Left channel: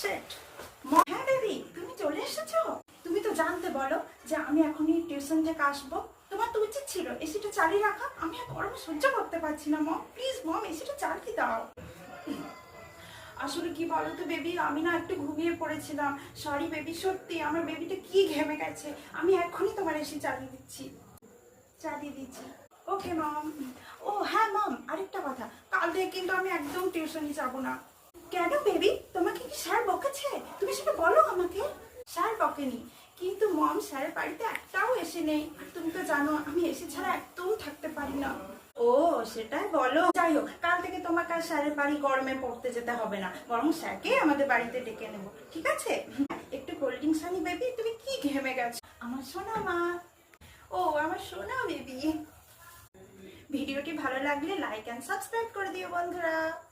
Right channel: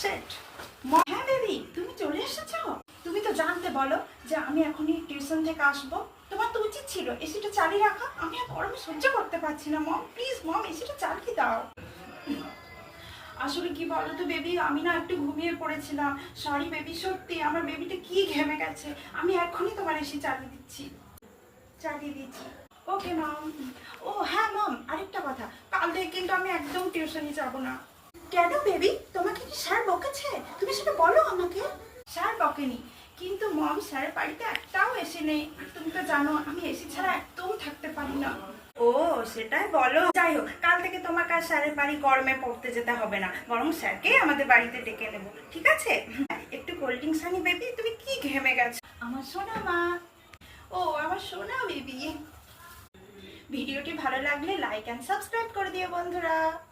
Set. হ্যাঁ baby, তুমি চলে এসেছো? তুমি তো জানতে বলো যে আমি এখনই টিউশন থেকে আসবো। তোমার তো উচিত ছিল এসিটা চালিয়ে রাখা। আমি আর গরমে সহ্য করতে পারছি না মম, প্লিজ মম এসিটা চালিয়ে দাও। আসলে কি বলো তো বেবি, আমি না একটু ঘুমিয়ে পড়েছিলাম। সরি বেবি, সত্যি আমার বেবিটা কি ঘেমে গেছে। আমি এখনই তোমার এসি চালিয়ে দিচ্ছি। চালিয়ে দিচ্ছি। ওকে মম। ও হ্যাঁ মম, আরেকটা কথা, কাল থেকে কিন্তু আমি একদম টিউশনই যাব না। কেন বেবি, তোমাকে কি স্যার বকেছে? তুমি সেটা বলো আমাকে। স্যার বকেনি, কিন্তু মম স্যারের বাড়িতে একটাও এসি নেই। আর তুমি তো জানো আমি এসি ছাড়া একদম থাকতে পারি না। ও সেটাই বলো। যাই হোক, কাল থেকে তোমাকে আর স্যারের বাড়ি গরমে পড়তে যেতে হবে না, বরং স্যারকে আমাদের বাড়িতে ডেকে নেবো, ঠিক আছে? একটু কোল্ড ড্রিঙ্কস আনি বেবি, তুমি কি ঘেমে গেছো আমার সোনা মা। ও আমার সোনা বেবি। ভিডিওটি ভালো লাগলে লাইক এন্ড সাবস্ক্রাইব করে দিও বন্ধুরা।